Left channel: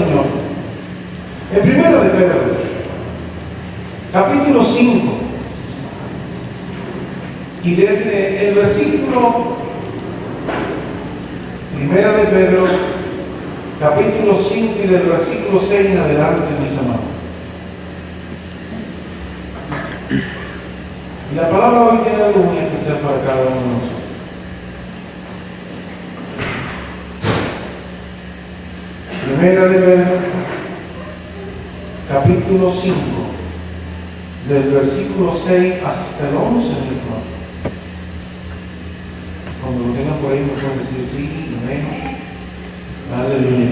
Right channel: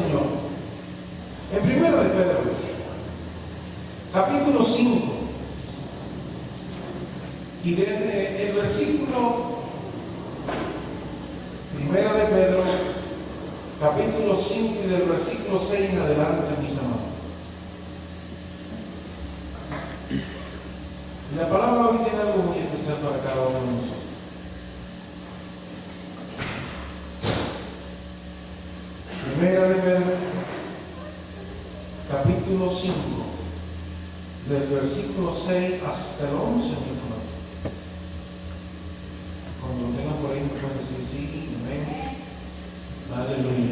Señor. En Primera de Pedro, capítulo 5, y desde el versículo, Primera de Pedro, capítulo 5 y del versículo 6 en adelante, mis amados. Y la palabra hoy tiene algo muy especial para cada uno de nosotros. Primera de Pedro, capítulo 5, del versículo 6 hasta el 11 mismo. Cuando lo tengan por ahí, me pueden decir sí, amén, aleluya.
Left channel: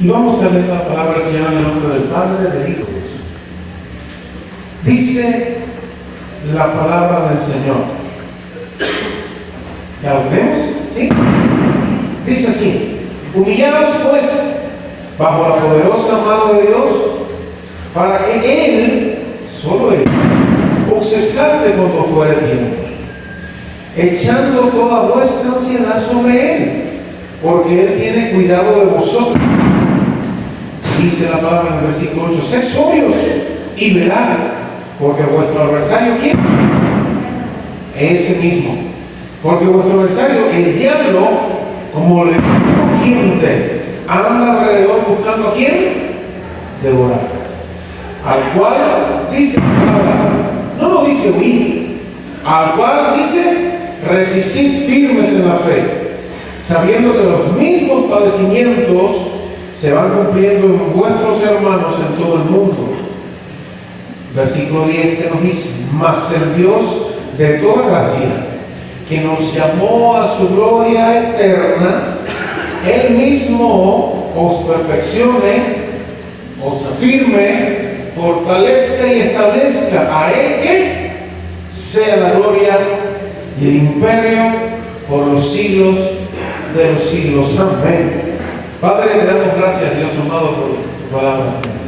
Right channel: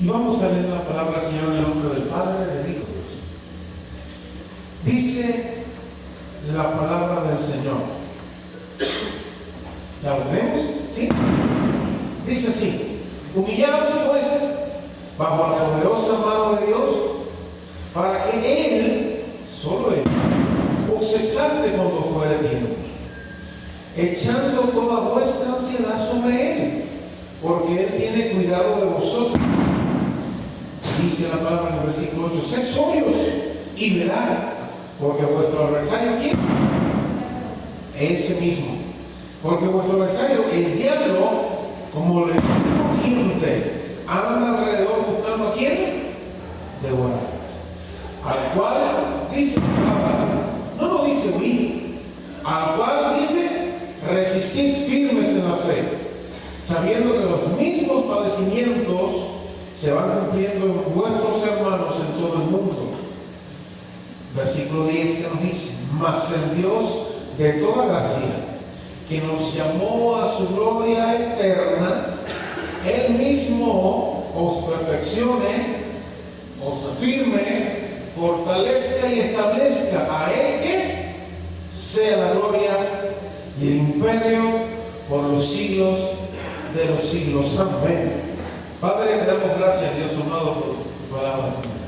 Y vamos a leer la palabra del Señor en el nombre del Padre, del Hijo y de Dios. Dice la palabra del Señor. ¿Ya lo vemos? ¿Sí? Dice así: humillaos pues bajo la poderosa mano de Dios, para que Él, solo Él, os exalte cuando fuere tiempo, echando toda vuestra ansiedad sobre Él, porque Él tiene cuidado de vosotros. Dice la palabra en el versículo 8: sed sobrios y velad, porque vuestro adversario, ¿quién? Ese mismo. Porque vuestro adversario, el diablo, como león rugiente, anda alrededor buscando a quién devorar. Al cual dice la palabra, no lo dice huir, al cual dice resistir firmes en la fe, sabiendo que los mismos padecimientos se van cumpliendo en vuestros hermanos en todo el mundo. Versículo 10 que nos dice: mas el Dios de toda gracia, que nos llamó a su gloria eterna, Él mismo os perfeccione, os afirme, fortalezca y establezca. A Él que sea la gloria y el imperio por los siglos de los siglos. Amén. Padre, le damos gracias, Dios amado, por tu palabra, Señor.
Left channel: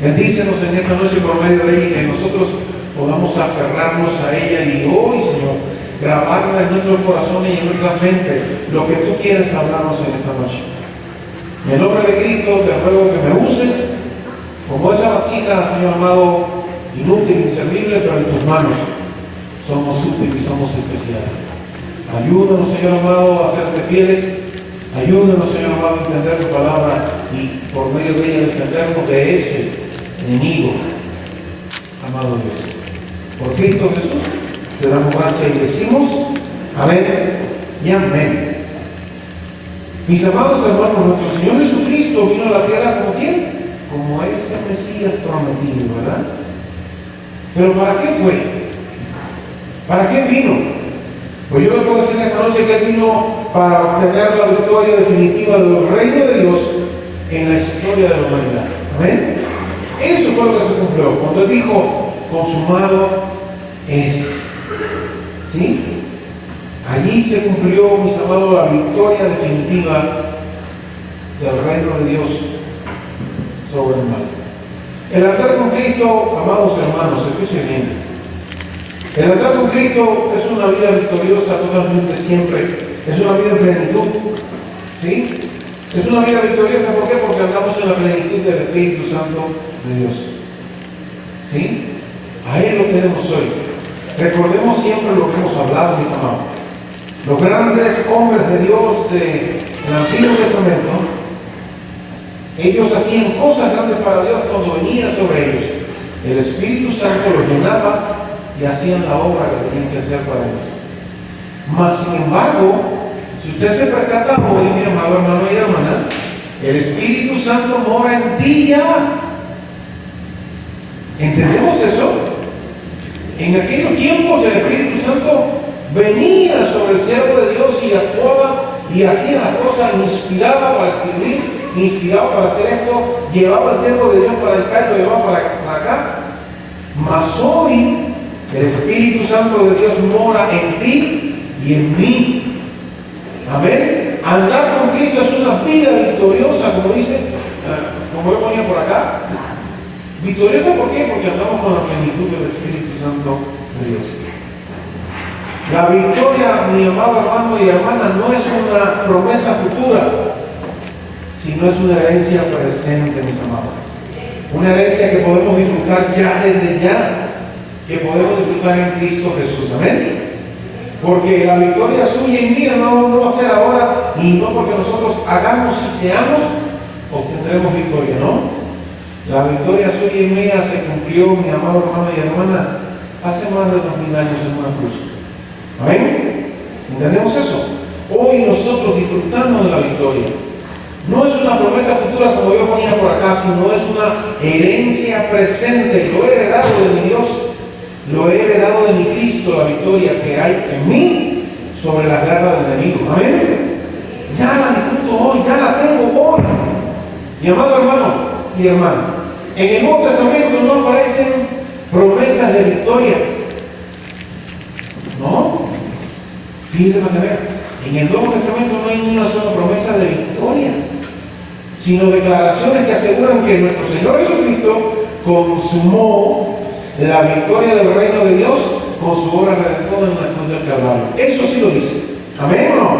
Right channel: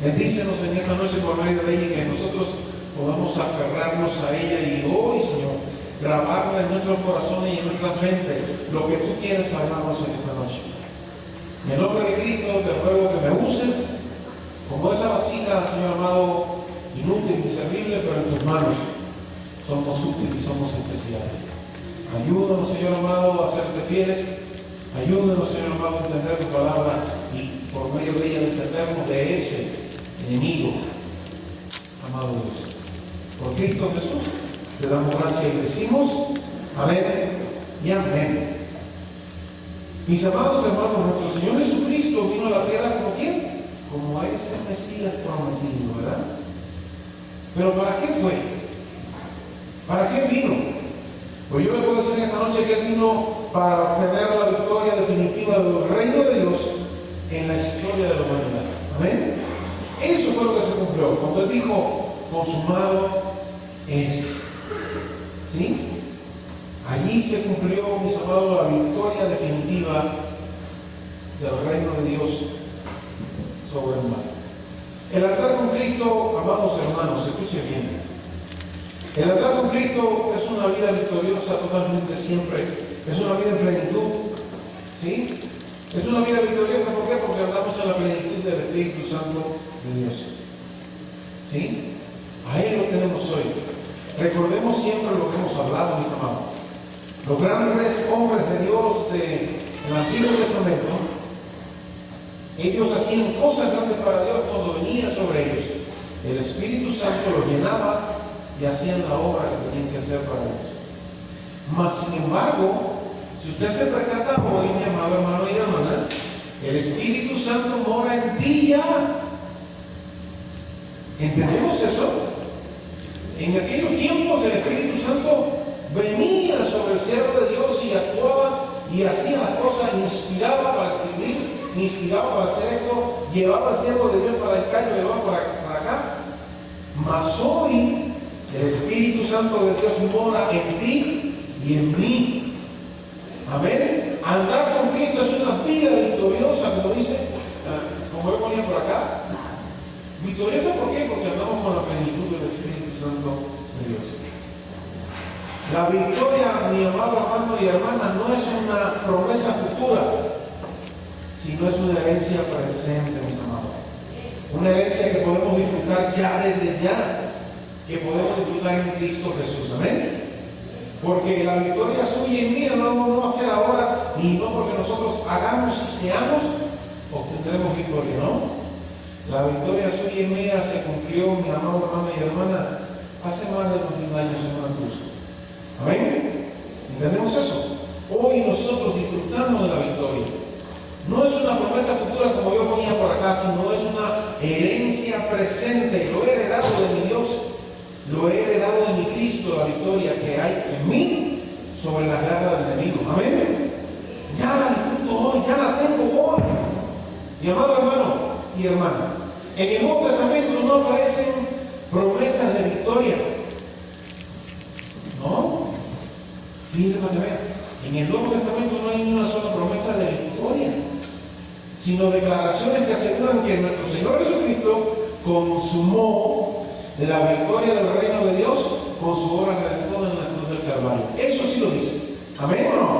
Bendícenos en esta noche por medio de ella, que nosotros podamos aferrarnos a ella y hoy, Señor, grabarla en nuestros corazones y en nuestras mentes lo que tú quieres hablarnos en esta noche. En el nombre de Cristo te ruego que me uses como esa vasija, Señor amado, inútil, inservible, pero en tus manos somos útiles y somos especiales. Ayúdanos, Señor amado, a serte fieles. Ayúdanos, Señor amado, a entender tu palabra y por medio de ella defendernos de ese enemigo, amado Dios. Por Cristo Jesús te damos gracias y decimos amén y amén. Mis amados hermanos, nuestro Señor Jesucristo vino a la tierra como ¿quién? Como ese Mesías prometido, ¿verdad? Pero ¿para qué fue? ¿Para qué vino? Pues yo le puedo decir esta noche que Él vino para obtener la victoria definitiva del reino de Dios en la historia de la humanidad. Amén. Eso fue lo que se cumplió cuando Él dijo: consumado es. ¿Sí? Allí se cumplió, mis amados, la victoria definitiva del reino de Dios sobre el mal. El andar con Cristo, amados hermanos, escuchen bien. El andar con Cristo es una vida victoriosa totalmente siempre. Es una vida en plenitud. ¿Sí? Es una vida victoriosa, ¿por qué? Porque andamos en la plenitud del Espíritu Santo de Dios. ¿Sí? A Él lo tenemos hoy. Recordemos siempre lo que hemos hablado, mis amados. Los grandes hombres de Dios del Antiguo Testamento, ellos hacían cosas grandes para Dios cuando venía sobre ellos. El Espíritu Santo los llenaba y hacían la obra que tenían que hacer para Dios. Mas, sin embargo, si usted se percata hoy, mi amado hermano y hermana, el Espíritu Santo mora en ti ya. ¿Entendemos eso? En aquellos tiempos el Espíritu Santo venía sobre el siervo de Dios y actuaba y hacía las cosas, inspiraba para escribir, inspiraba para hacer esto, llevaba al siervo de Dios para acá y lo llevaba para acá. Mas hoy el Espíritu Santo de Dios mora en ti y en mí. Amén. Andar con Cristo es una vida victoriosa, como dice, como yo ponía por acá. Victoriosa, ¿por qué? Porque andamos con la plenitud del Espíritu Santo de Dios. La victoria, mi amado hermano y hermana, no es una promesa futura, sino es una herencia presente, mis amados. Una herencia que podemos disfrutar ya desde ya, que podemos disfrutar en Cristo Jesús. Amén. Porque la victoria suya y mía no va a ser ahora, y no porque nosotros hagamos y seamos, obtendremos victoria, ¿no? La victoria suya y mía se cumplió, mi amado hermano y hermana, hace más de 2000 años en una cruz. Amén. ¿Entendemos eso? Hoy nosotros disfrutamos de la victoria. No es una promesa futura como yo ponía por acá, sino es una herencia presente. Lo he heredado de mi Dios, lo he heredado de mi Cristo, la victoria que hay en mí sobre las garras del enemigo. Amén. Ya la disfruto hoy, ya la tengo hoy. Mi amado hermano y hermana, en el Nuevo Testamento no aparecen promesas de victoria. No. Fíjense para que vean. En el Nuevo Testamento no hay una sola promesa de victoria, sino declaraciones que aseguran que nuestro Señor Jesucristo consumó la victoria del reino de Dios con su obra redentora en la cruz del Calvario. Eso sí lo dice. ¿Amén o no?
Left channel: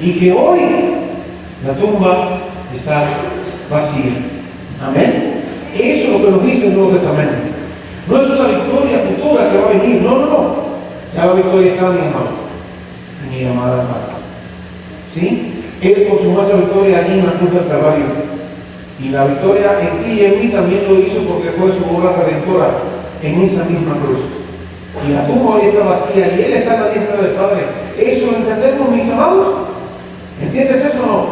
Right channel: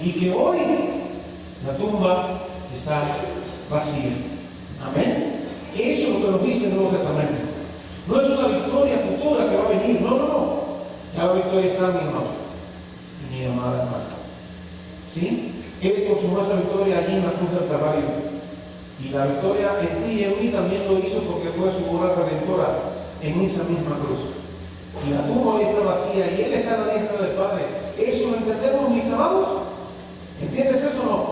Y que hoy la tumba está vacía. Amén. Eso es lo que nos dice el Nuevo Testamento. No es una victoria futura que va a venir. No. Ya la victoria está, mi amado, mi amada hermana. ¿Sí? Él consumó esa victoria allí en la cruz del Calvario. Y la victoria en ti y en mí también lo hizo porque fue su obra redentora en esa misma cruz. Y la tumba hoy está vacía y Él está en la diestra del Padre. ¿Eso lo entendemos, mis amados? ¿Entiendes eso o no?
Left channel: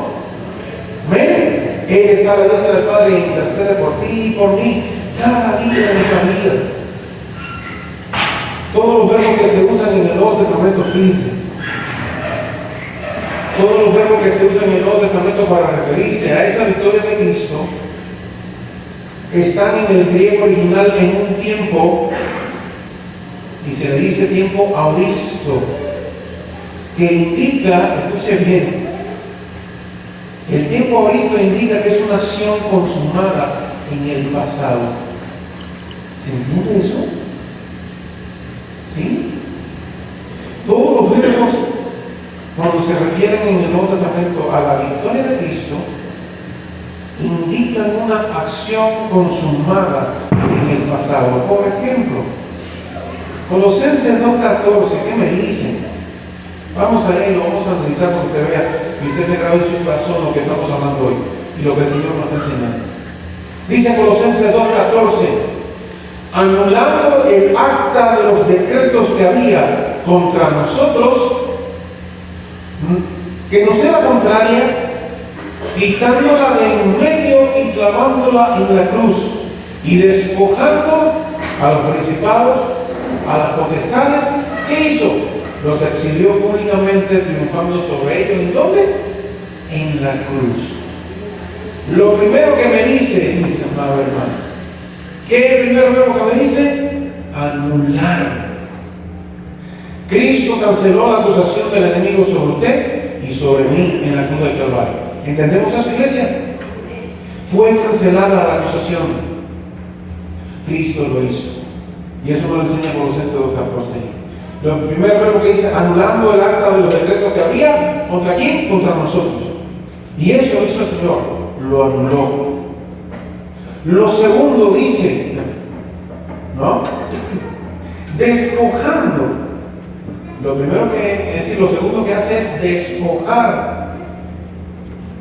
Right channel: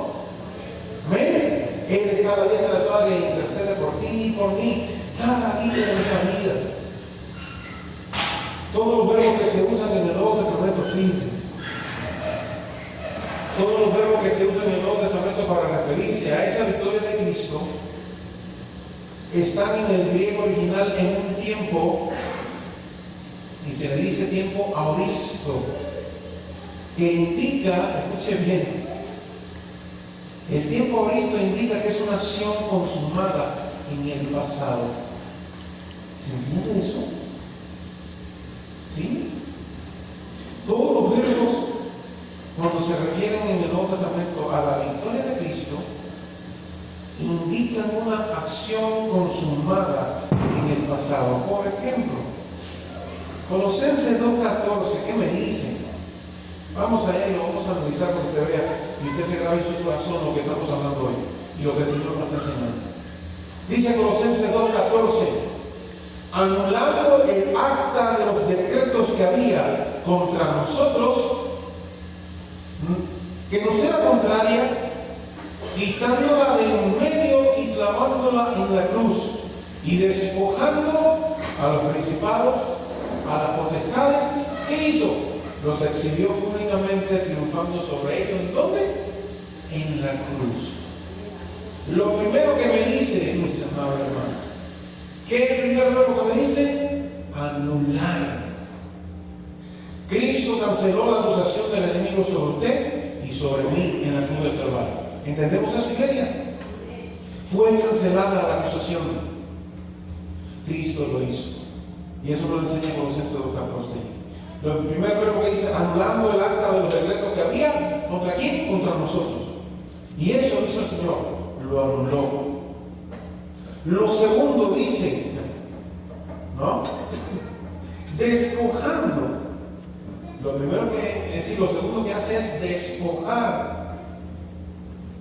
Amén. Él está a la diestra del Padre y intercede por ti y por mí cada día de nuestras vidas. Todos los verbos que se usan en el Nuevo Testamento, fíjense. Todos los verbos que se usan en el Nuevo Testamento para referirse a esa victoria de Cristo están en el griego original en un tiempo, y se le dice tiempo auristo, que indica, escuche bien, el tiempo auristo indica que es una acción consumada en el pasado. ¿Se entiende eso? ¿Sí? Todos los verbos, cuando se refieren en el Nuevo Testamento a la victoria de Cristo, indican una acción consumada en el pasado. Por ejemplo, Colosenses 2:14, ¿qué me dicen? Vamos a ir, lo vamos a analizar para que usted vea y usted se grabe en su corazón lo que estamos hablando hoy y lo que el Señor nos está enseñando. Dice Colosenses 2:14, anulando el acta de los decretos que había contra nosotros, que nos era contraria, quitándola de en medio y clavándola en la cruz, y despojando a los principados, a las potestades. ¿Qué hizo? Los exilió públicamente, triunfando sobre ellos. ¿En dónde? En la cruz. Lo primero que me dice, mis amados hermanos, ¿qué es el primer verbo que me dice? Anular. Cristo canceló la acusación del enemigo sobre usted y sobre mí en la cruz del Calvario. ¿Entendemos eso, iglesia? Fue cancelada la acusación. Cristo lo hizo. Y eso lo enseña Colosenses 2:14. Lo primer verbo que dice, anulando el acta de los decretos que había, ¿contra quién? Contra nosotros. Y eso hizo el Señor, lo anuló. Lo segundo dice, ¿no? Despojando. Lo primero que, es decir, lo segundo que hace es despojar.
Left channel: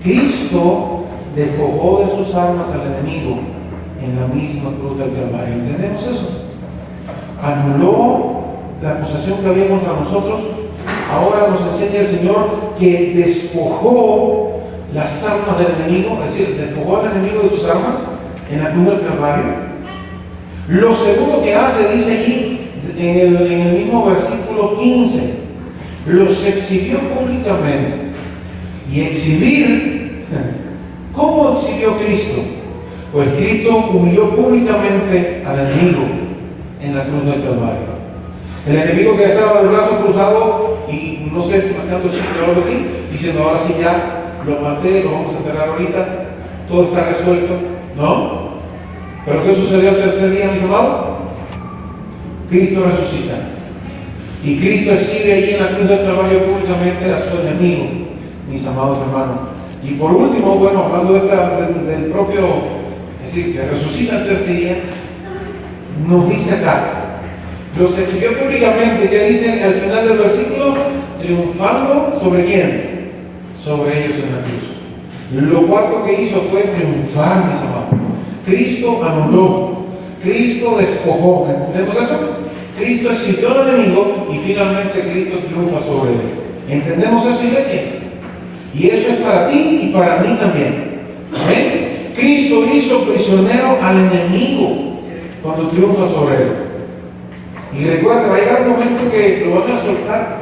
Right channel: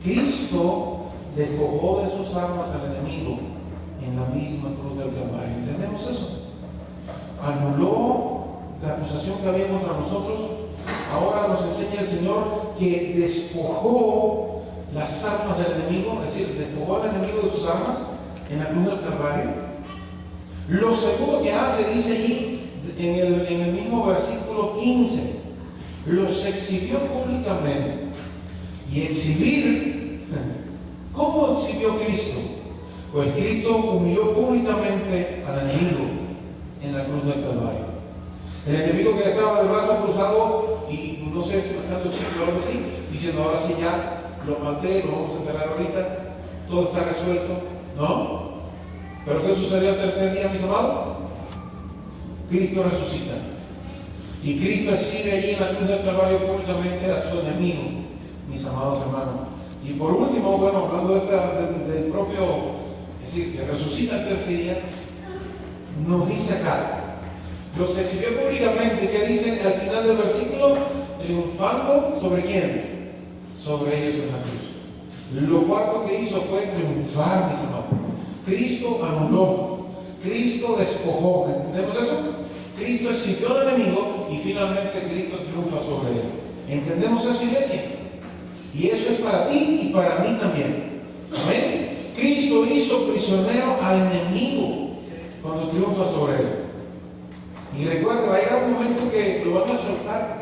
Cristo despojó de sus armas al enemigo en la misma cruz del Calvario. ¿Entendemos eso? Anuló la acusación que había contra nosotros. Ahora nos enseña el Señor que despojó las armas del enemigo, es decir, despojó al enemigo de sus armas en la cruz del Calvario. Lo segundo que hace, dice allí en el mismo versículo 15, los exhibió públicamente. Y exhibir, ¿cómo exhibió Cristo? Pues Cristo humilló públicamente al enemigo en la cruz del Calvario. El enemigo que estaba de brazos cruzados y no sé si marcando chicle o algo así, diciendo ahora sí ya lo maté, lo vamos a enterrar ahorita, todo está resuelto. ¿No? ¿Pero qué sucedió el tercer día, mis amados? Cristo resucita. Y Cristo exhibe allí en la cruz del Calvario públicamente a su enemigo, mis amados hermanos. Y por último, bueno, hablando del propio, es decir, que resucita el tercer día, nos dice acá, los exhibió públicamente, que dice al final del versículo, triunfando ¿sobre quién? Sobre ellos en la cruz. Lo cuarto que hizo fue triunfar, mis amados. Cristo anuló, Cristo despojó, ¿entendemos eso? Cristo exhibió al enemigo y finalmente Cristo triunfa sobre él. ¿Entendemos eso, iglesia? Y eso es para ti y para mí también. ¿Amén? Cristo hizo prisionero al enemigo cuando triunfa sobre él. Y recuerda, va a llegar un momento que lo van a soltar,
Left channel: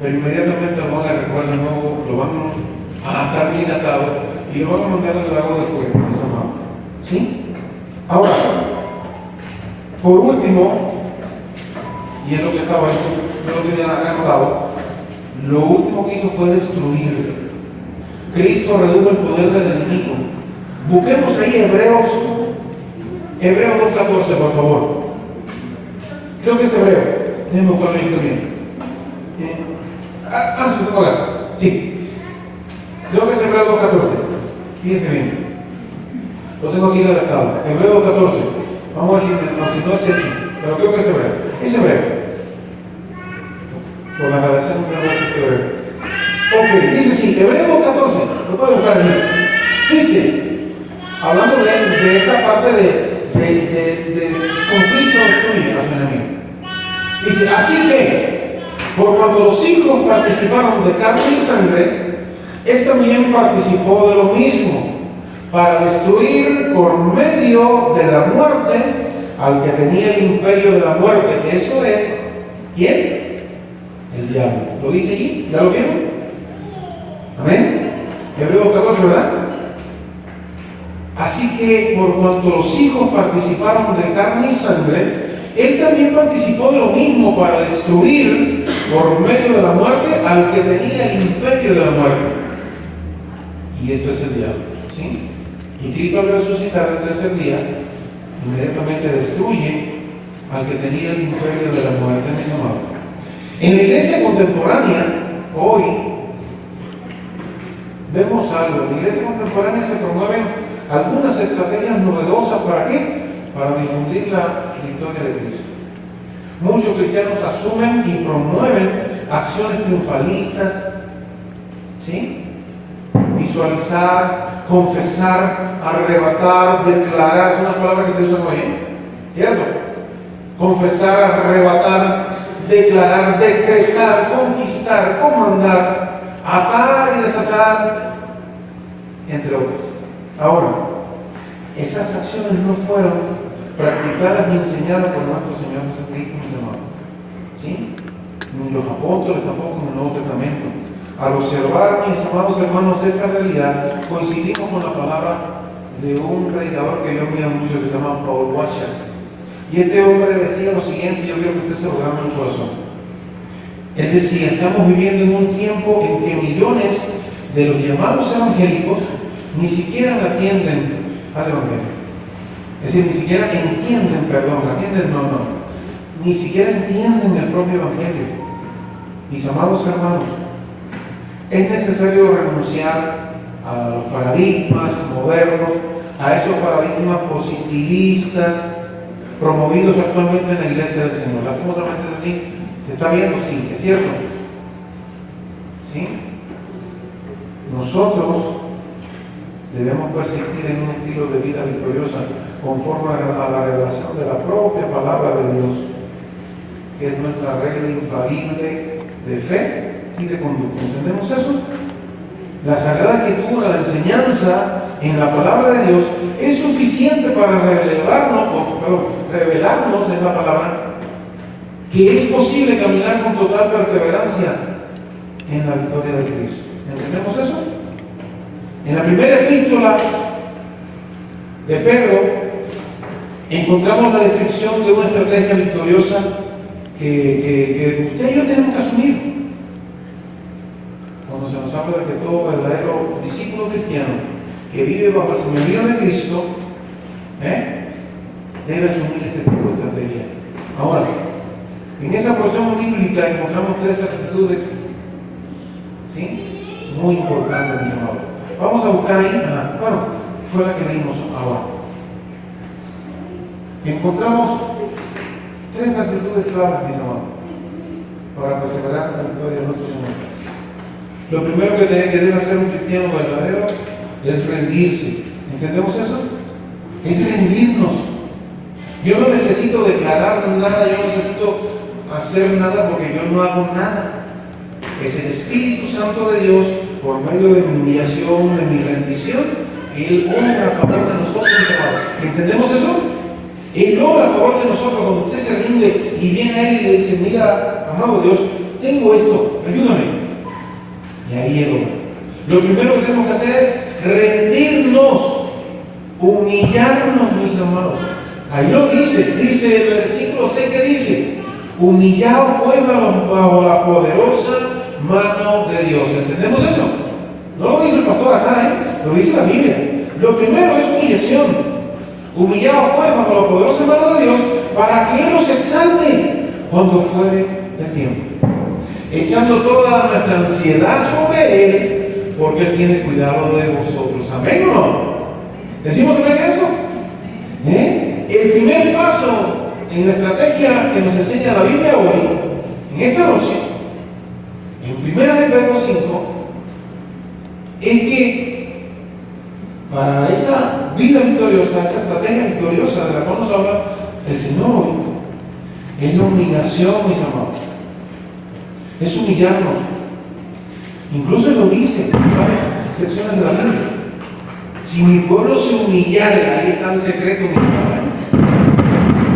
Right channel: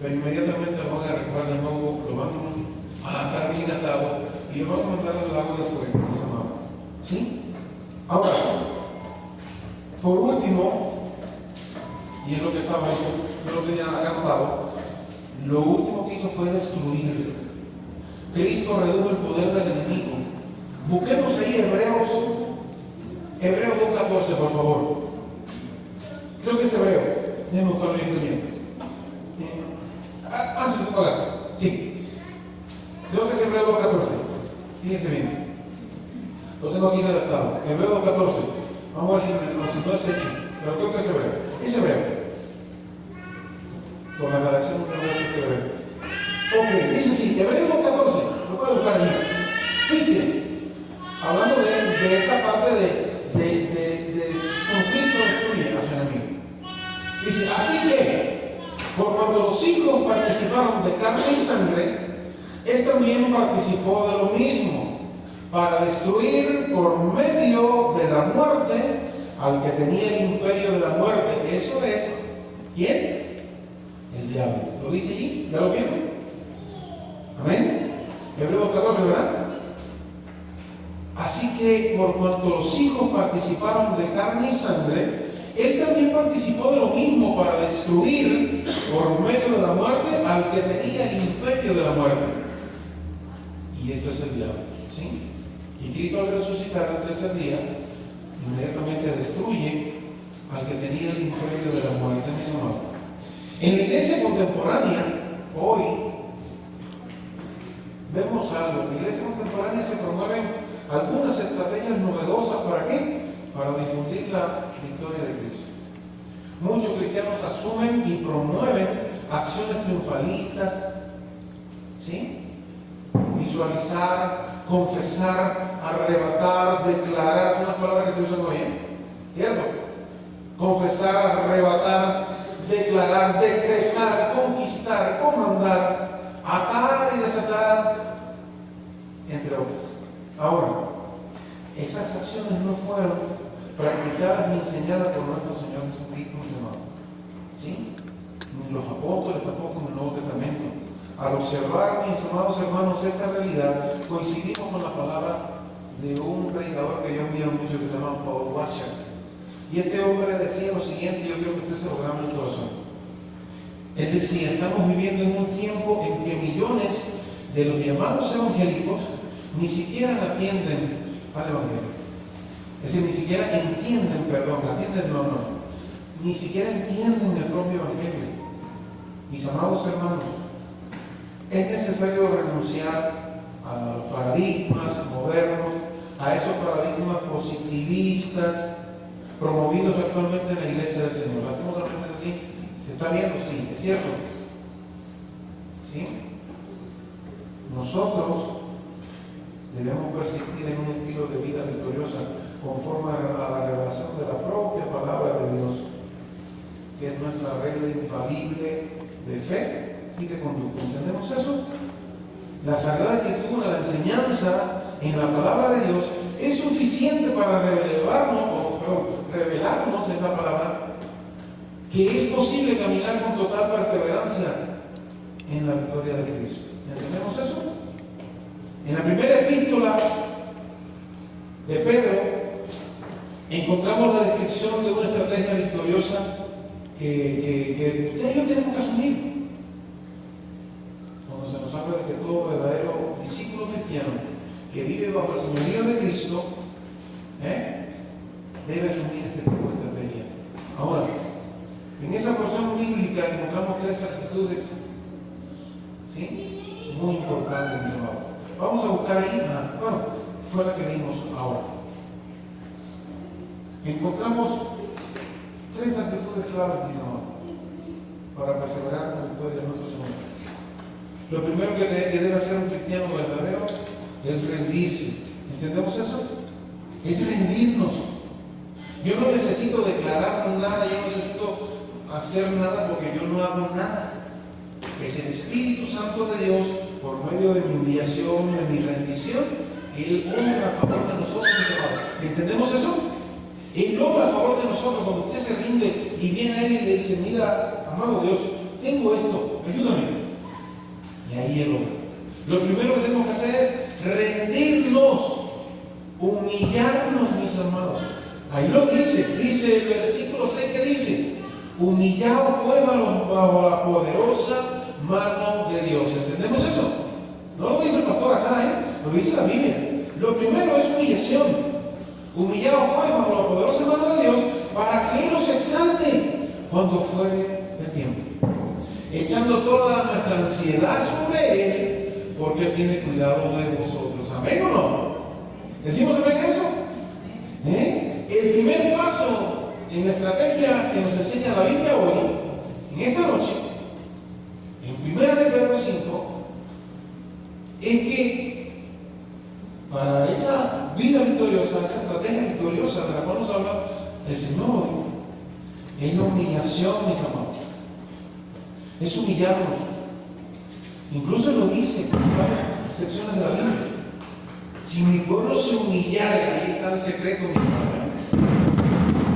pero inmediatamente lo van a recoger de nuevo, lo van a atar bien atado y lo van a mandar al lago de fuego, mis amados. ¿Sí? Ahora, por último, y es lo que estaba ahí, yo lo tenía anotado, lo último que hizo fue destruir. Cristo redujo el poder del enemigo. Busquemos ahí Hebreos 2:14, por favor. Creo que es Hebreo. Déjenme buscarlo bien. Sí, lo tengo acá. Sí. Creo que es Hebreo 2:14. Fíjense bien. Lo tengo aquí redactado. Hebreo 2:14. Vamos a ver si no es hecho. Pero creo que es Hebreo. Es Hebreo. Por la redacción no creo que es Hebreo. Ok, dice sí, Hebreo 2:14. Lo puedo buscar ahí. Dice, hablando de esta parte de cómo Cristo destruye a su enemigo. Dice, así que, por cuanto los hijos participaron de carne y sangre, él también participó de lo mismo, para destruir por medio de la muerte al que tenía el imperio de la muerte. Eso es, ¿quién? El diablo. ¿Lo dice allí? ¿Ya lo vieron? Amén. Hebreos 14, ¿verdad? Así que por cuanto los hijos participaron de carne y sangre, él también participó de lo mismo para destruir por medio de la muerte al que tenía el imperio de la muerte. Y esto es el diablo, ¿sí? Y Cristo al resucitar el tercer día, inmediatamente destruye al que tenía el imperio de la muerte, mis amados. En la iglesia contemporánea, hoy, vemos algo. En la iglesia contemporánea se promueven algunas estrategias novedosas. ¿Para qué? Para difundir la victoria de Cristo. Muchos cristianos asumen y promueven acciones triunfalistas, ¿sí? Visualizar, confesar, arrebatar, declarar, son las palabras que se usan hoy, ¿cierto? Confesar, arrebatar, declarar, decretar, conquistar, comandar, atar y desatar, entre otras. Ahora, esas acciones no fueron practicadas ni enseñadas por nuestro Señor Jesucristo, mis amados, ¿sí? Ni los apóstoles tampoco en el Nuevo Testamento. Al observar, mis amados hermanos, esta realidad, coincidimos con la palabra de un predicador que yo admiro mucho, que se llama Paul Washer. Y este hombre decía lo siguiente, yo quiero que usted se lo grabe en el corazón. Él decía, estamos viviendo en un tiempo en que millones de los llamados evangélicos ni siquiera atienden al evangelio. Es decir, ni siquiera entienden, ni siquiera entienden el propio evangelio. Mis amados hermanos, es necesario renunciar a los paradigmas modernos, a esos paradigmas positivistas promovidos actualmente en la iglesia del Señor. Lastimosamente es así. ¿Se está viendo? Sí, es cierto. ¿Sí? Nosotros debemos persistir en un estilo de vida victoriosa conforme a la revelación de la propia palabra de Dios, que es nuestra regla infalible de fe y de conducta. ¿Entendemos eso? La Sagrada Escritura, la enseñanza en la palabra de Dios es suficiente para revelarnos en la palabra que es posible caminar con total perseverancia en la victoria de Cristo. ¿Entendemos eso? En la primera epístola de Pedro encontramos la descripción de una estrategia victoriosa que usted y yo tenemos que asumir. Cuando se nos habla de que todo verdadero discípulo cristiano que vive bajo el señorío de Cristo debe asumir este tipo de estrategia. Ahora, En esa porción bíblica encontramos tres actitudes, ¿sí?, muy importantes, mis amados. Vamos a buscar ahí, bueno, fue la que leímos ahora. Encontramos tres actitudes claves, mis amados, para perseverar en la victoria de nuestro Señor. Lo primero que debe hacer un cristiano verdadero es rendirse. ¿Entendemos eso? Es rendirnos. Yo no necesito declarar nada, yo no necesito hacer nada porque yo no hago nada. Es el Espíritu Santo de Dios, por medio de mi humillación, de mi rendición, Él obra a favor de nosotros, mis amados. ¿Entendemos eso? Él obra a favor de nosotros cuando usted se rinde y viene a Él y le dice: mira, amado Dios, tengo esto, ayúdame. Y ahí Él obra. Lo primero que tenemos que hacer es rendirnos, humillarnos, mis amados. Ahí lo dice el versículo 6 que dice: humillaos pues bajo la poderosa mano de Dios. ¿Entendemos eso? No lo dice el pastor acá, lo dice la Biblia. Lo primero es humillación. Humillaos pues bajo la poderosa mano de Dios, para que Él nos exalte cuando fuere el tiempo, echando toda nuestra ansiedad sobre Él, porque Él tiene cuidado de vosotros. ¿Amén o no? ¿Decimos amén eso? El primer paso en la estrategia que nos enseña la Biblia hoy, en esta noche, en 1 Pedro 5, es que para esa vida victoriosa, esa estrategia victoriosa de la cual nos habla el Señor hoy, es la humillación, mis amados. Es humillarnos. Incluso lo dice, ¿vale?, excepciones de la Biblia. Si mi pueblo se humillare, ahí está el secreto, mis amados.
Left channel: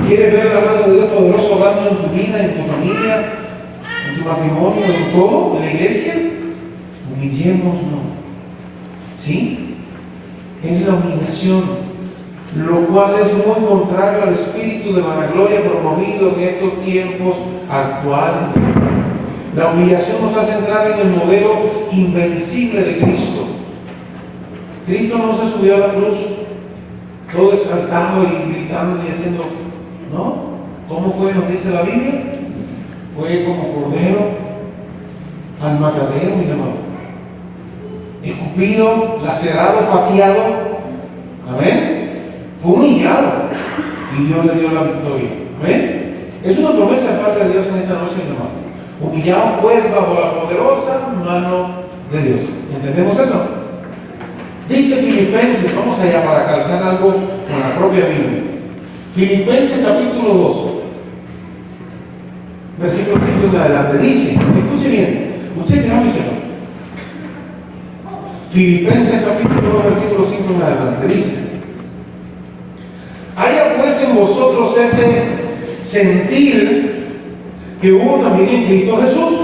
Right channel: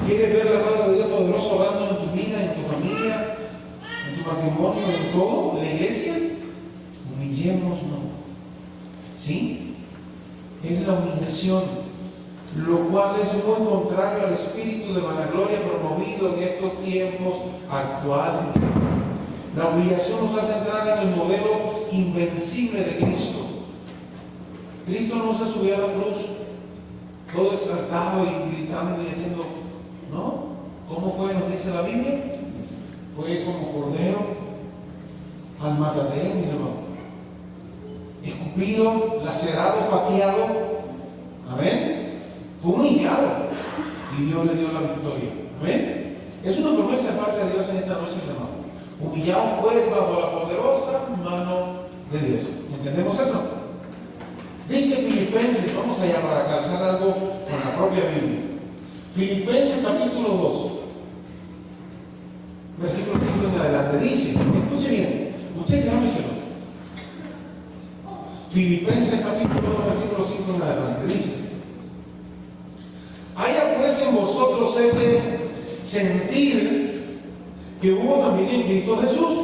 ¿Quieres ver la mano de Dios poderoso obrando en tu vida, en tu familia, en tu matrimonio, en todo, en la iglesia? Humillémonos, ¿sí? Es la humillación, lo cual es muy contrario al espíritu de vanagloria promovido en estos tiempos actuales. La humillación nos hace entrar en el modelo invencible de Cristo. Cristo no se subió a la cruz todo exaltado y gritando y haciendo, ¿no? ¿Cómo fue? Nos dice la Biblia. Fue como cordero al matadero, mis amados. Escupido, lacerado, pateado. Amén. Fue humillado y Dios le dio la victoria. Amén. Es una promesa de parte de Dios en esta noche, mis amados. Humillado pues bajo la poderosa mano de Dios. ¿Entendemos eso? Dice Filipenses, vamos allá para calzar algo con la propia Biblia. Filipenses capítulo 2, versículo 5 en adelante. Dice, escuche bien, usted que no me sepa. Filipenses capítulo 2, versículo 5 en adelante. Dice: haya pues en vosotros ese sentir que hubo también en Cristo Jesús,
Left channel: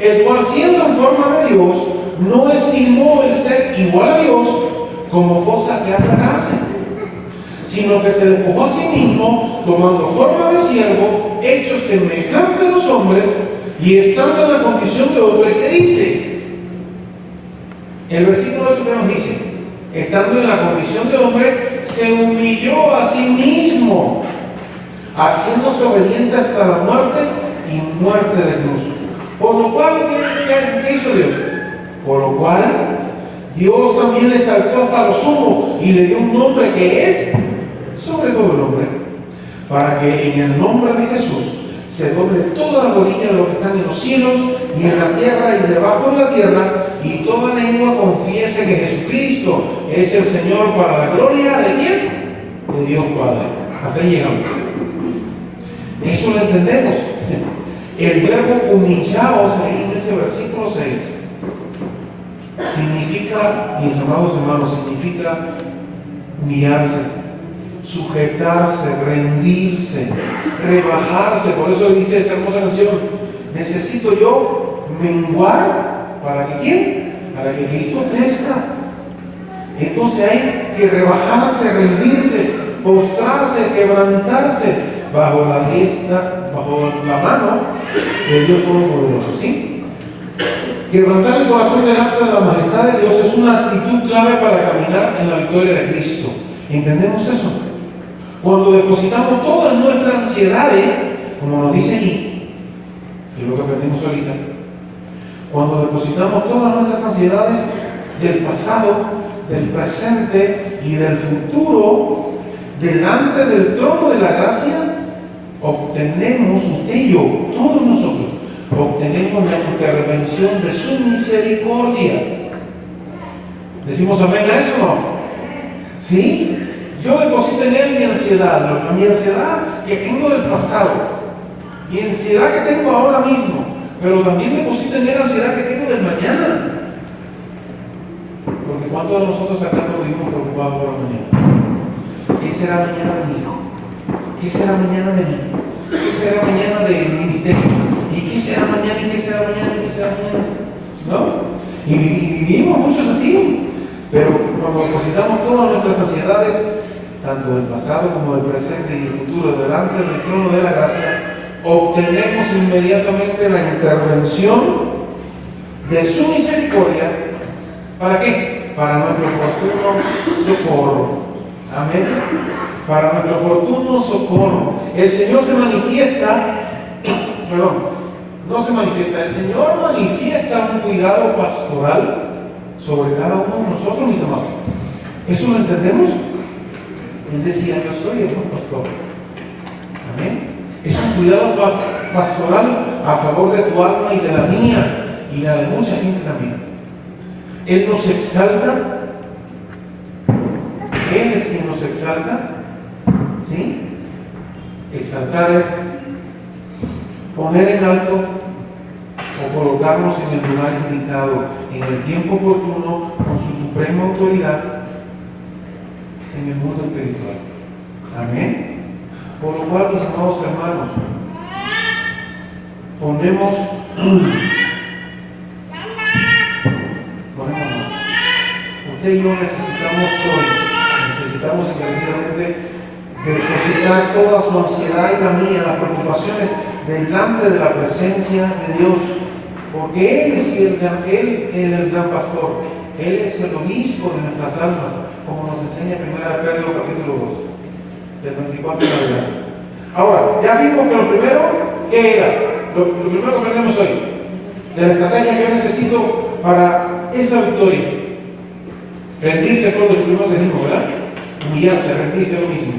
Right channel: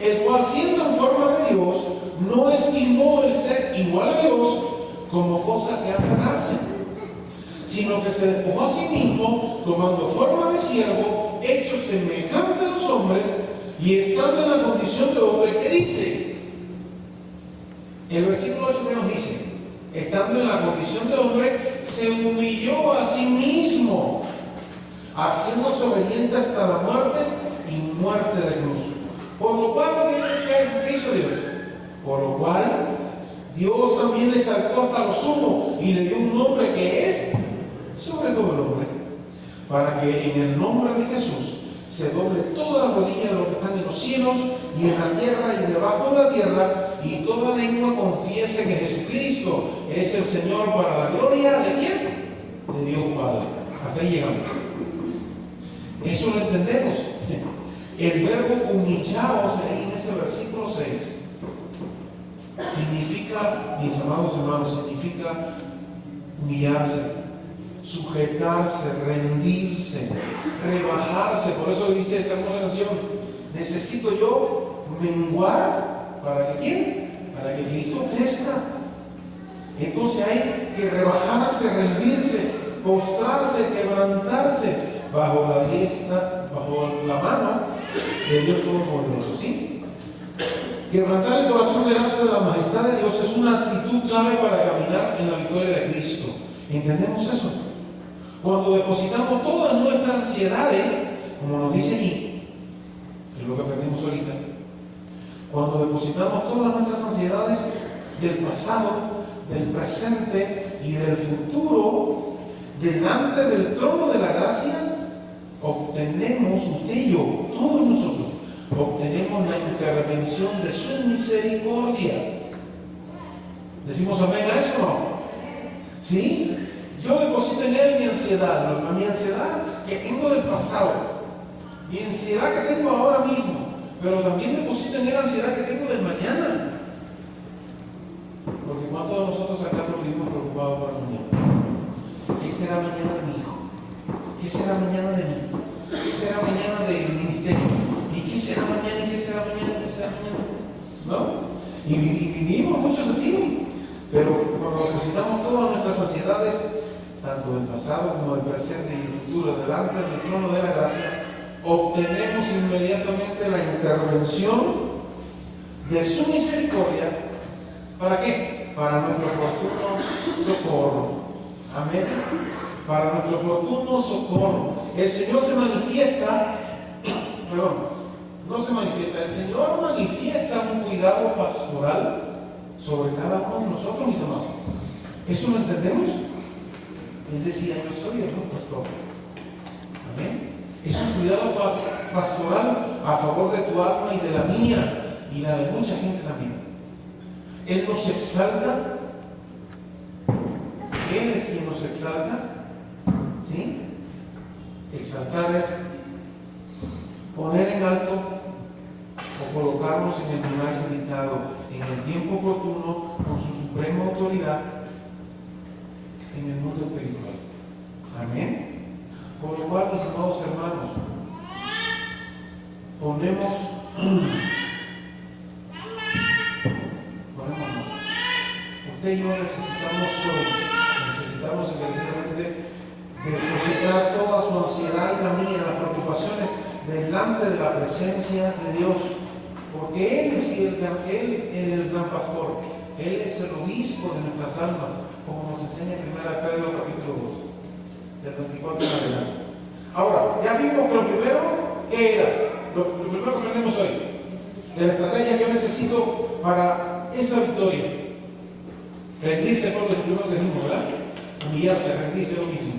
el cual, siendo en forma de Dios, no estimó el ser igual a Dios como cosa que aferrarse, sino que se despojó a sí mismo, tomando forma de siervo, hecho semejante a los hombres, y estando en la condición de hombre. ¿Qué dice? El versículo 8 que nos dice: estando en la condición de hombre, se humilló a sí mismo, haciéndose obediente hasta la muerte y muerte de cruz. Por lo cual, ¿qué hizo Dios? Por lo cual, Dios también le exaltó hasta lo sumo y le dio un nombre que es sobre todo el nombre, para que en el nombre de Jesús se doble toda la rodilla de los que están en los cielos y en la tierra y debajo de la tierra, y toda lengua confiese que Jesucristo es el Señor, para la gloria ¿de quién? De Dios Padre. Hasta ahí llegamos. Eso lo entendemos. El verbo humillaos ahí en ese versículo 6 significa, mis amados hermanos, significa humillarse, sujetarse, rendirse, rebajarse. Por eso dice esa hermosa canción: necesito yo menguar para que ¿quién? Para que Cristo crezca. Entonces hay que rebajarse, rendirse, postrarse, quebrantarse bajo la diestra, bajo la mano de Dios Todopoderoso, ¿sí? Quebrantar el corazón delante de la majestad de Dios es una actitud clave para caminar en la victoria de Cristo. ¿Entendemos eso? Cuando depositamos todas nuestras ansiedades, como nos dice allí, que es lo que aprendimos ahorita, cuando depositamos todas nuestras ansiedades del pasado, del presente y del futuro delante del trono de la gracia, obtenemos, usted y yo, todos nosotros, obtenemos la intervención de su misericordia. ¿Decimos amén a eso o no? ¿Sí? Yo deposito en él mi ansiedad, mi ansiedad que tengo del pasado, mi ansiedad que tengo ahora mismo, pero también deposito en él la ansiedad que tengo del mañana. Porque ¿cuántos de nosotros acá nos vivimos preocupados por la mañana? ¿Qué será mañana de mi hijo? ¿Qué será mañana de mí? ¿Qué será mañana del ministerio? ¿Y qué será mañana? ¿Y qué será mañana? ¿Y qué será mañana? ¿No? Y vivimos muchos así. Pero cuando depositamos todas nuestras ansiedades, tanto del pasado como del presente y del futuro, delante del trono de la gracia, obtenemos inmediatamente la intervención de su misericordia. ¿Para qué? Para nuestro oportuno socorro. Amén. Para nuestro oportuno socorro. El Señor se manifiesta, no se manifiesta, el Señor manifiesta un cuidado pastoral sobre cada uno de nosotros, mis amados. ¿Eso lo entendemos? Él decía, yo soy el buen pastor. Amén. Es un cuidado pastoral a favor de tu alma y de la mía y la de mucha gente también. Él nos exalta. Él es quien nos exalta. ¿Sí? Exaltar es poner en alto o colocarnos en el lugar indicado, en el tiempo oportuno, con su suprema autoridad en el mundo espiritual. Amén. Por lo cual, mis amados hermanos, usted y yo necesitamos encarecidamente depositar toda su ansiedad y la mía, las preocupaciones delante de la presencia de Dios, porque Él es el gran pastor, Él es el obispo de nuestras almas, como nos enseña 1 Pedro capítulo 2, del 24 en adelante. Ahora, ya vimos que lo primero, ¿qué era? Lo primero que aprendemos hoy, de la estrategia que yo necesito para esa victoria. Rendirse fue lo primero que dijimos, ¿verdad? Humillarse, rendirse lo mismo.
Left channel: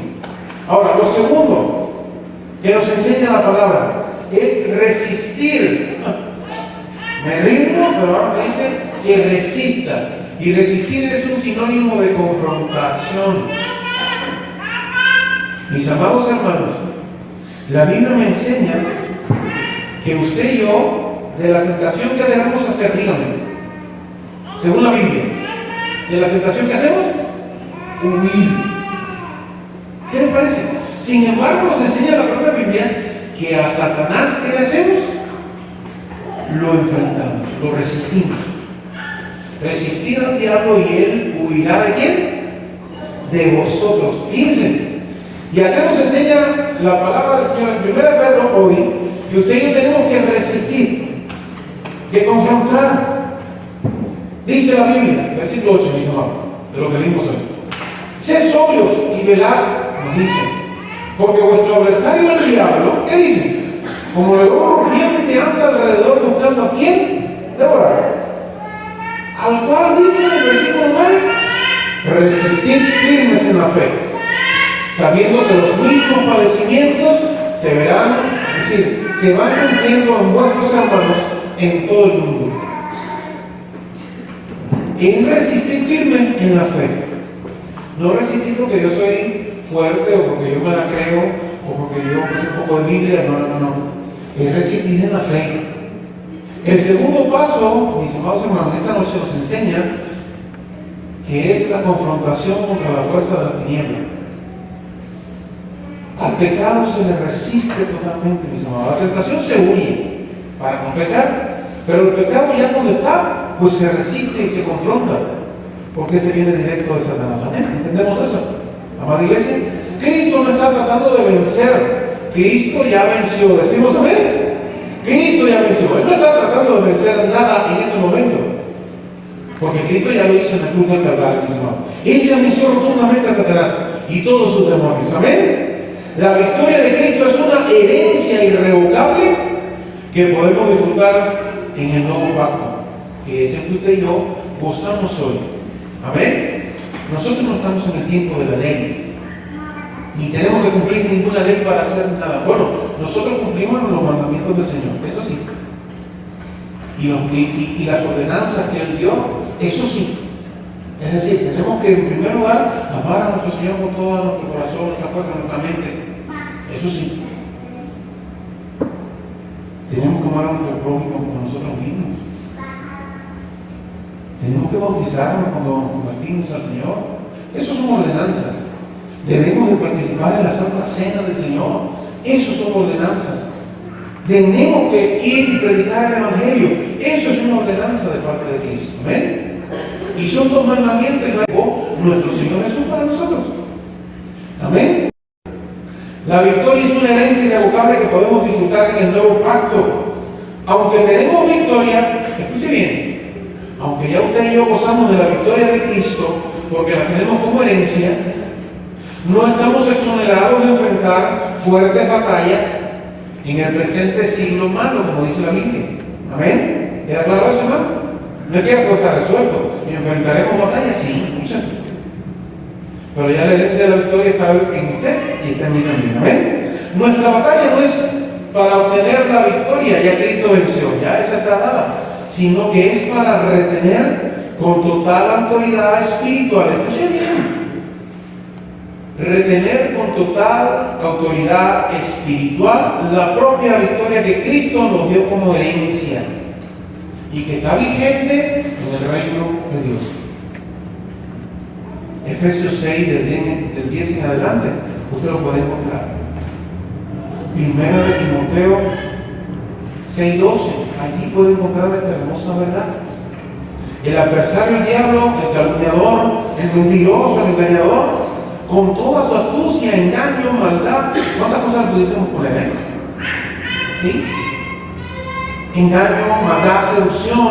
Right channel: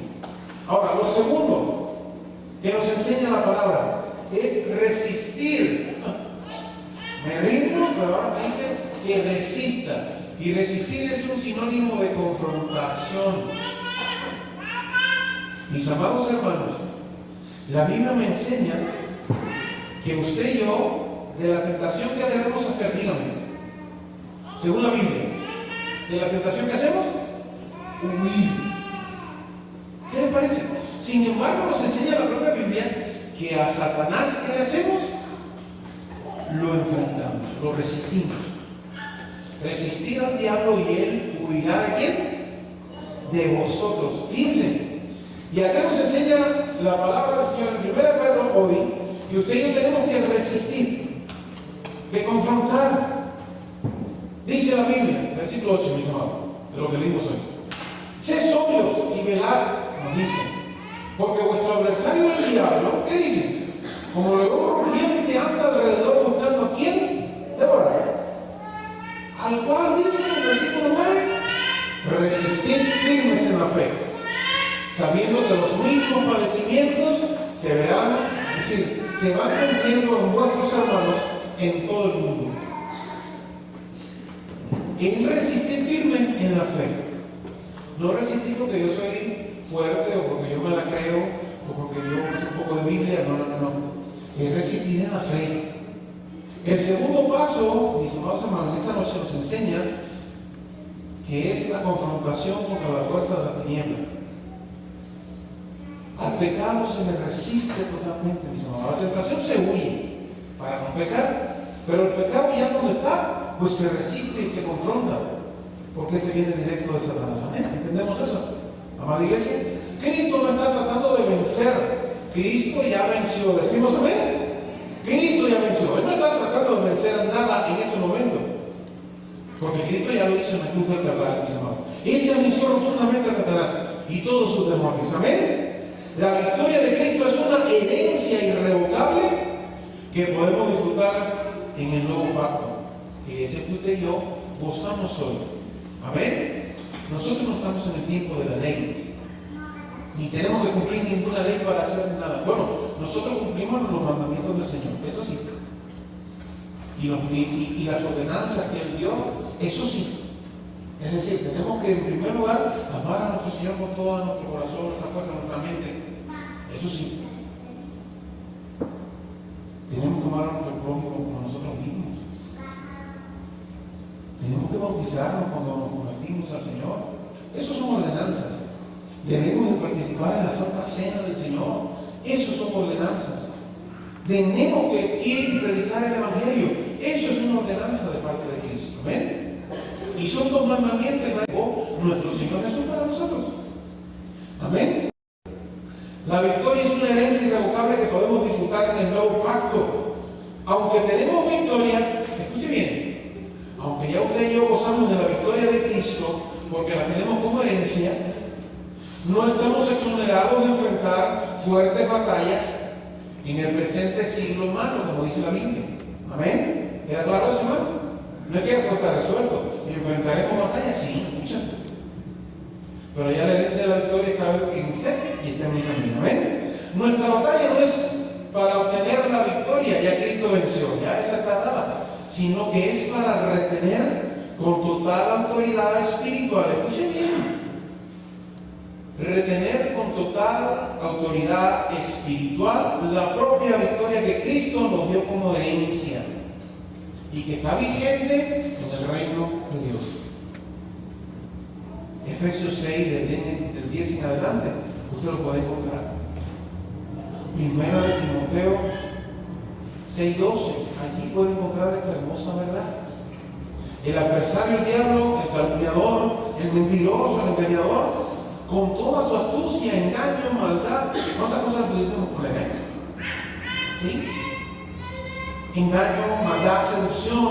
Ahora, lo segundo que nos enseña la palabra es resistir. Me rindo, pero ahora me dice que resista. Y resistir es un sinónimo de confrontación. Mis amados hermanos, la Biblia me enseña que usted y yo, de la tentación que debemos hacer, dígame, según la Biblia, de la tentación que hacemos, huir. ¿Qué le parece? Sin embargo, nos enseña la propia Biblia que a Satanás, ¿qué le hacemos? Lo enfrentamos, lo resistimos. Resistir al diablo y él huirá de quién? De vosotros. Fíjense. Y acá nos enseña la palabra del Señor en 1 Pedro hoy, que usted y yo tenemos que resistir, que confrontar. Dice la Biblia, versículo 8, mis amados, de lo que leímos hoy. Sed sobrios y velad, nos dice, porque vuestro adversario el diablo, ¿qué dice? Como león rugiente anda alrededor buscando a quién devorar. Al cual dice en el versículo 9, resistid firmes en la fe, sabiendo que los mismos padecimientos se verán, es decir, se van cumpliendo en vuestros hermanos en todo el mundo. Es resistir firme en la fe. No resistir porque yo soy fuerte o porque yo me la creo o porque yo sé un poco de Biblia. No. Es resistir en la fe. El segundo paso, mis amados hermanos, esta noche nos enseña que es la confrontación contra la fuerza de la tiniebla. Al pecado se le resiste totalmente, mis amados. La tentación se huye para no pecar, pero el pecado ya cuando está, pues se resiste y se confronta, porque se viene directo de Satanás. ¿Amén? ¿Entendemos eso? Amada iglesia, Cristo no está tratando de vencer, Cristo ya venció. ¿Decimos amén? Cristo ya venció. Él no está tratando de vencer nada en este momento, porque Cristo ya lo hizo en la cruz del Calvario, mis amados. Él ya venció rotundamente a Satanás y todos sus demonios. Amén. La victoria de Cristo es una herencia irrevocable que podemos disfrutar en el nuevo pacto, que es el que usted y yo gozamos hoy. Amén. Nosotros no estamos en el tiempo de la ley, ni tenemos que cumplir ninguna ley para hacer nada. Bueno, nosotros cumplimos los mandamientos del Señor, eso sí, y las ordenanzas que Él dio, eso sí. Es decir, tenemos que en primer lugar amar a nuestro Señor con todo nuestro corazón, nuestra fuerza, nuestra mente, eso sí. Tenemos que amar a nuestro prójimo como nosotros mismos. Tenemos que bautizarnos cuando nos convertimos al Señor. Eso son ordenanzas. Debemos de participar en la Santa Cena del Señor. Eso son ordenanzas. Tenemos que ir y predicar el Evangelio. Eso es una ordenanza de parte de Cristo. ¿Ven? Y son dos mandamientos que dejó nuestro Señor Jesús para nosotros. Amén. La victoria es una herencia irrevocable que podemos disfrutar en el nuevo pacto. Aunque tenemos victoria, escuche bien, aunque ya usted y yo gozamos de la victoria de Cristo, porque la tenemos como herencia, no estamos exonerados de enfrentar fuertes batallas en el presente siglo malo, como dice la Biblia. Amén. ¿Queda claro eso, hermano? No es que algo está resuelto. ¿Y enfrentaremos batallas? Sí, muchas. Pero ya la herencia de la victoria está en usted y está en mí también. Amén. Nuestra batalla no es para obtener la victoria, ya Cristo venció, ya esa está dada, sino que es para retener con total autoridad espiritual. Escuchen bien. Retener con total autoridad espiritual la propia victoria que Cristo nos dio como herencia y que está vigente en el reino de Dios. Efesios 6, del 10 en adelante, usted lo puede encontrar. Primera de Timoteo 6:12, allí puede encontrar esta hermosa verdad. El adversario, el diablo, el calumniador, el mentiroso, el engañador, con toda su astucia, engaño, maldad, ¿cuántas cosas le pudiésemos poner? ¿Sí? Engaño, maldad, seducción,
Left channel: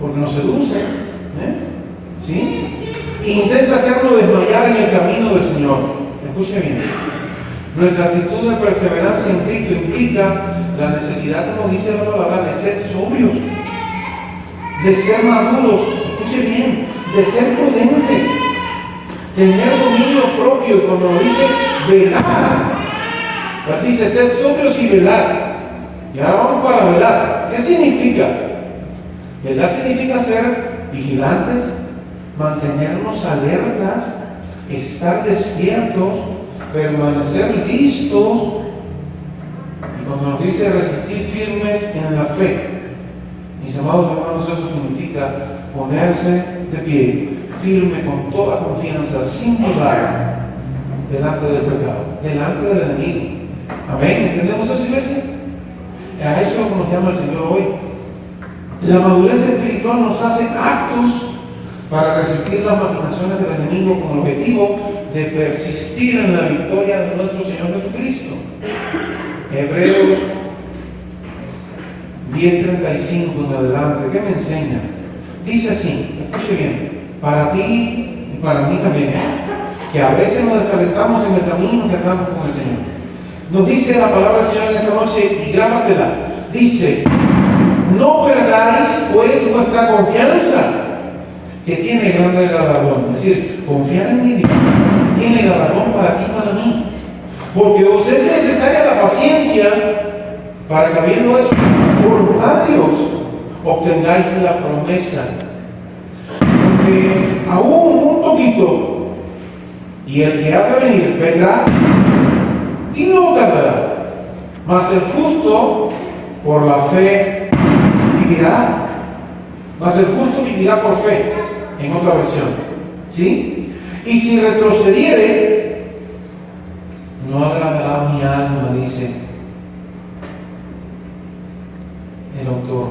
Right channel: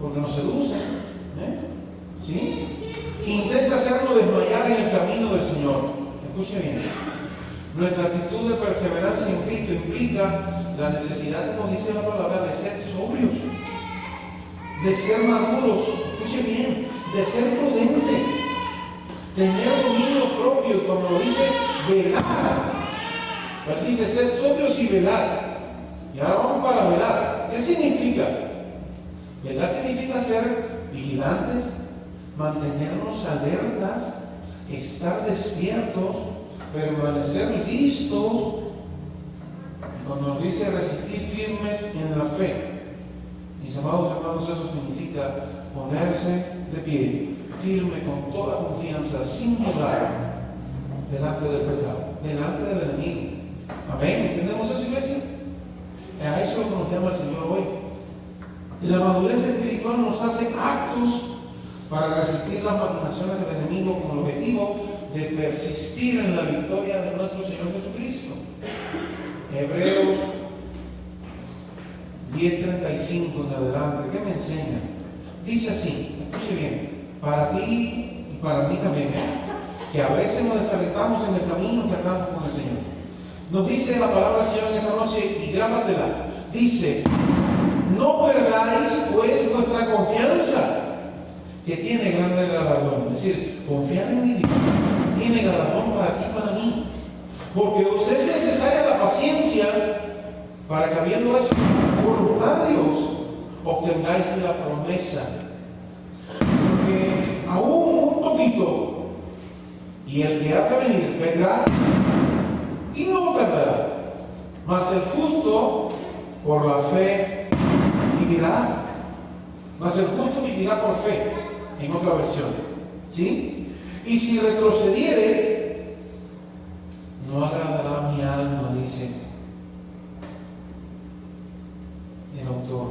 porque nos seduce, ¿sí? Intenta hacerlo desmayar en el camino del Señor. Escuche bien. Nuestra actitud de perseverancia en Cristo implica la necesidad, como dice la palabra, de ser sobrios, de ser maduros, escuche bien, de ser prudentes, tener dominio propio. Y cuando dice velar, pues dice ser sobrios y velar. Y ahora vamos para velar. ¿Qué significa? Velar significa ser vigilantes, mantenernos alertas, estar despiertos, permanecer listos. Y cuando nos dice resistir firmes en la fe, mis amados hermanos, eso significa ponerse de pie, firme con toda confianza, sin dudar, delante del pecado, delante del enemigo. Amén. ¿Entendemos eso, iglesia? A eso es lo que nos llama el Señor hoy. La madurez espiritual nos hace actos para resistir las maquinaciones del enemigo con el objetivo de persistir en la victoria de nuestro Señor Jesucristo. Hebreos 10:35 en adelante, ¿qué me enseña? Dice así, escuche bien, para ti y para mí también, que a veces nos desalentamos en el camino que andamos con el Señor. Nos dice la palabra del Señor en esta noche, y grábatela, dice: no perdáis pues vuestra confianza, que tiene grande galardón. Es decir, confiar en mi Dios tiene galardón para ti y para mí, porque os es necesaria la paciencia para que, habiendo hecho voluntad de Dios, obtengáis la promesa. Porque aún un poquito, y el que ha de venir vendrá y no tardará, mas el justo por la fe vivirá. Mas el justo vivirá por fe, en otra versión, ¿sí? Y si retrocediere, no agradará a mi alma, dice el autor.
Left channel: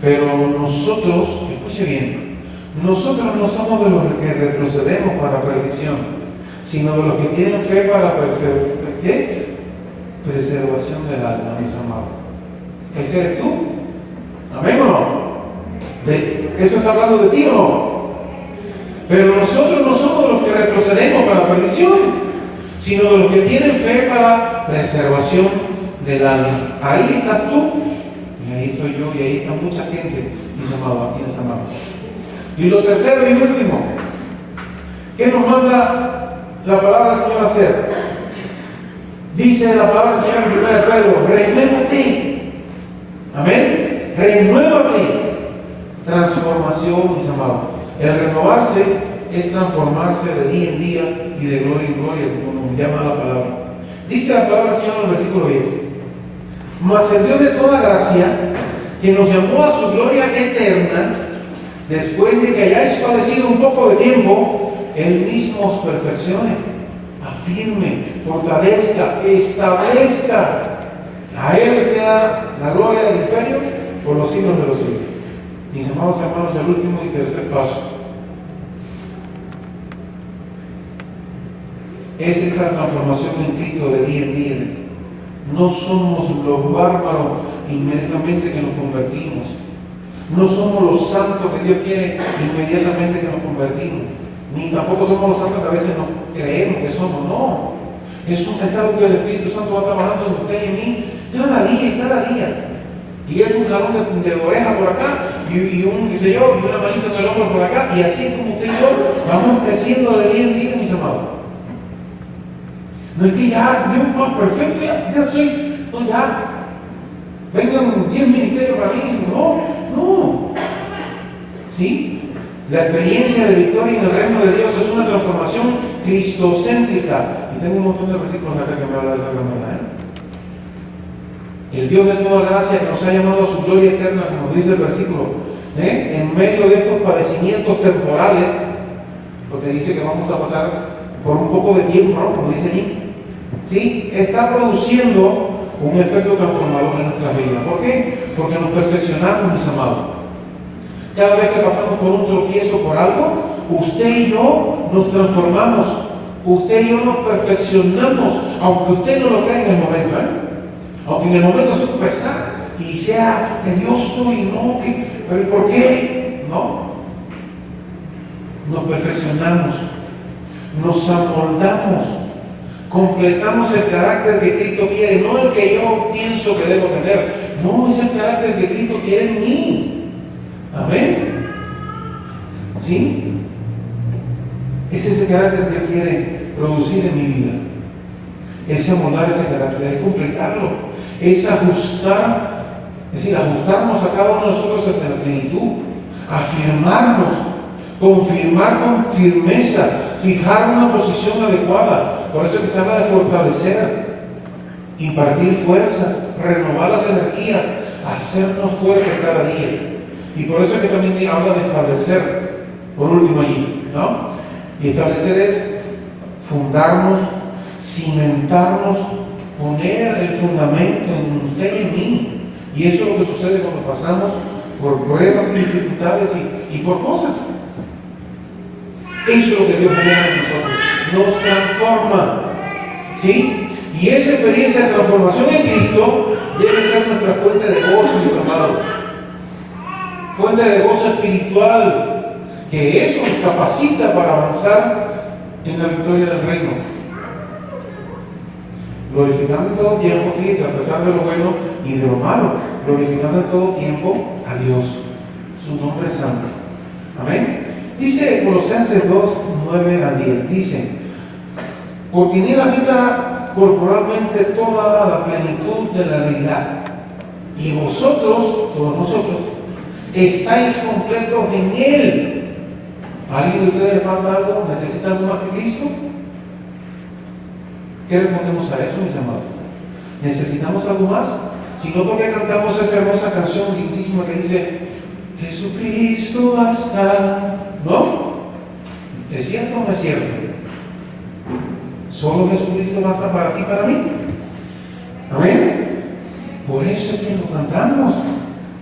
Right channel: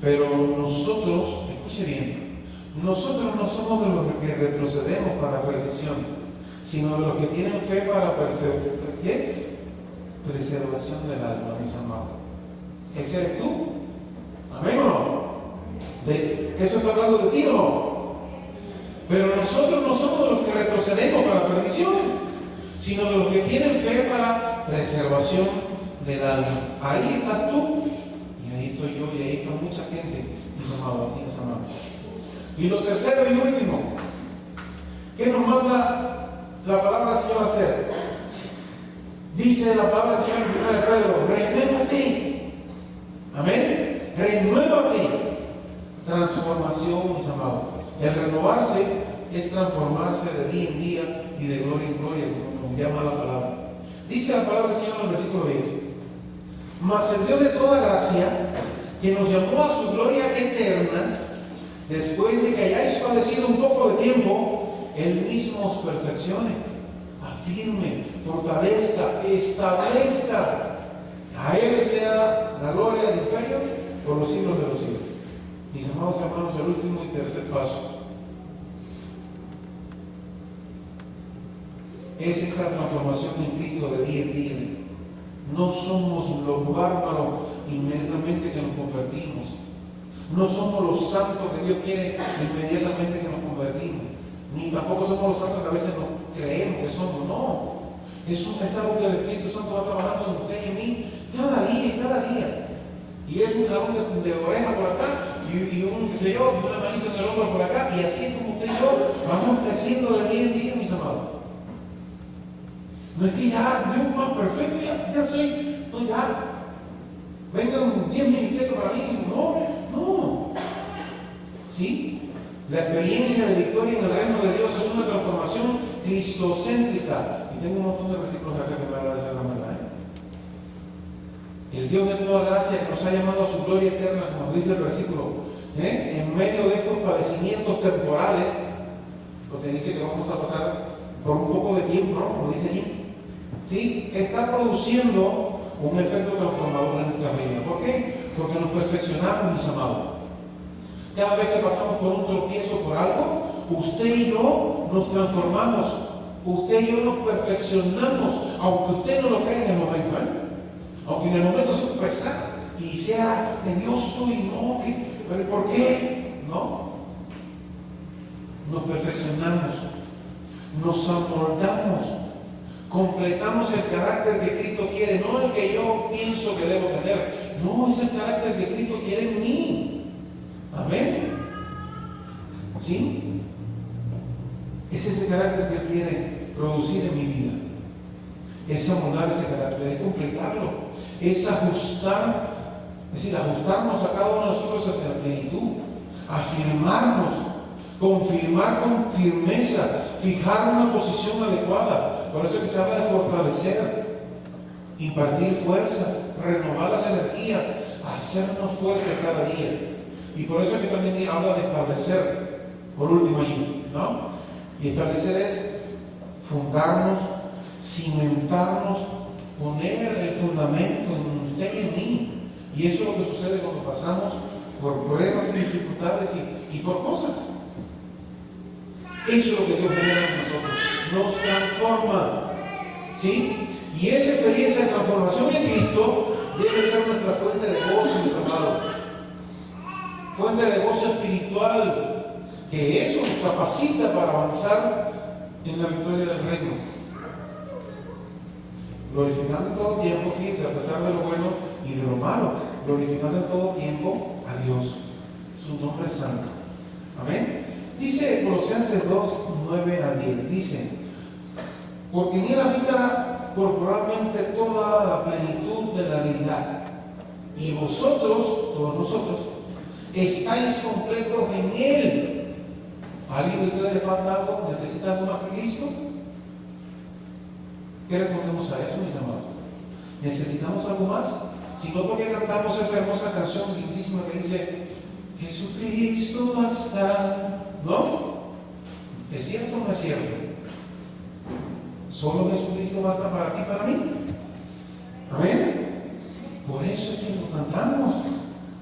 Pero nosotros, escuche bien, nosotros no somos de los que retrocedemos para perdición, sino de los que tienen fe para preservación del alma, mis amados. ¿Ese eres tú? ¿Amén o no? ¿Eso está hablando de ti o no? Pero nosotros no somos los que retrocedemos para perdición, sino de los que tienen fe para preservación del alma. Ahí estás tú, y ahí estoy yo, y ahí está mucha gente, mis amados, a quienes amamos. Y lo tercero y último, ¿qué nos manda la palabra del Señor a hacer? Dice la palabra del Señor en 1 Pedro, renuévate. Amén. Renuévate. Transformación, mis amados. El renovarse es transformarse de día en día y de gloria en gloria, como nos llama la palabra. Dice la palabra del Señor en el versículo 10. Mas el Dios de toda gracia, que nos llamó a su gloria eterna, después de que hayáis padecido un poco de tiempo, Él mismo os perfeccione, afirme, fortalezca, establezca. A Él sea la gloria del imperio por los siglos de los siglos. Mis amados hermanos, el último y tercer paso es esa transformación en Cristo de día en día. No somos los bárbaros inmediatamente que nos convertimos. No somos los santos que Dios quiere inmediatamente que nos convertimos. Ni tampoco somos los santos que a veces no creemos que somos. No. Es algo que el Espíritu Santo va trabajando en usted y en mí cada día y cada día. Y es un jalón de oreja por acá y un, qué sé yo, y una manita en el hombro por acá. Y así como usted y yo vamos creciendo de día en día, mis amados. No es que ya, Dios, perfecto, ya soy, no, ya, vengan 10 ministerios para mí, no. ¿Sí? La experiencia de victoria en el reino de Dios es una transformación cristocéntrica. Y tengo un montón de versículos acá que me hablan de esa gran verdad. El Dios de toda gracia que nos ha llamado a su gloria eterna, como dice el versículo, en medio de estos padecimientos temporales, porque dice que vamos a pasar por un poco de tiempo, ¿no? Como dice allí. ¿Sí? Está produciendo un efecto transformador en nuestras vidas. ¿Por qué? Porque nos perfeccionamos, mis amados. Cada vez que pasamos por un tropiezo, por algo, usted y yo nos transformamos. Usted y yo nos perfeccionamos, aunque usted no lo crea en el momento, aunque en el momento se pesa y sea tedioso y no, pero ¿por qué? No. Nos perfeccionamos, nos amoldamos. Completamos el carácter que Cristo quiere, no el que yo pienso que debo tener, no, es el carácter que Cristo quiere en mí. Amén. ¿Sí? Es ese carácter que Él quiere producir en mi vida. Es amoldar ese carácter, es completarlo, es ajustar, es decir, ajustarnos a cada uno de nosotros hacia la plenitud, afirmarnos, confirmar con firmeza, fijar una posición adecuada. Por eso es que se habla de fortalecer, impartir fuerzas, renovar las energías, hacernos fuertes cada día. Y por eso es que también habla de establecer, por último allí, ¿no? Y establecer es fundarnos, cimentarnos, poner el fundamento en usted y en mí. Y eso es lo que sucede cuando pasamos por pruebas y dificultades y por cosas. Eso es lo que Dios pone en nosotros. Nos transforma, ¿sí? Y esa experiencia de transformación en Cristo debe ser nuestra fuente de gozo, mis amados. Fuente de gozo espiritual, que eso nos capacita para avanzar en la victoria del reino. Glorificando en todo tiempo, fíjense, a pesar de lo bueno y de lo malo, glorificando en todo tiempo a Dios. Su nombre es santo. Amén. Dice Colosenses 2, 9 a 10, dice: porque en él habita corporalmente toda la plenitud de la deidad, y vosotros, todos nosotros, estáis completos en él. ¿A alguien de ustedes le falta algo? ¿Necesita algo más que Cristo? ¿Qué respondemos a eso, mis amados? ¿Necesitamos algo más? Si no, ¿por qué cantamos esa hermosa canción lindísima que dice: Jesucristo basta? ¿No? ¿Es cierto o no es cierto? Solo Jesucristo basta para ti y para mí. Amén. Por eso es que lo cantamos.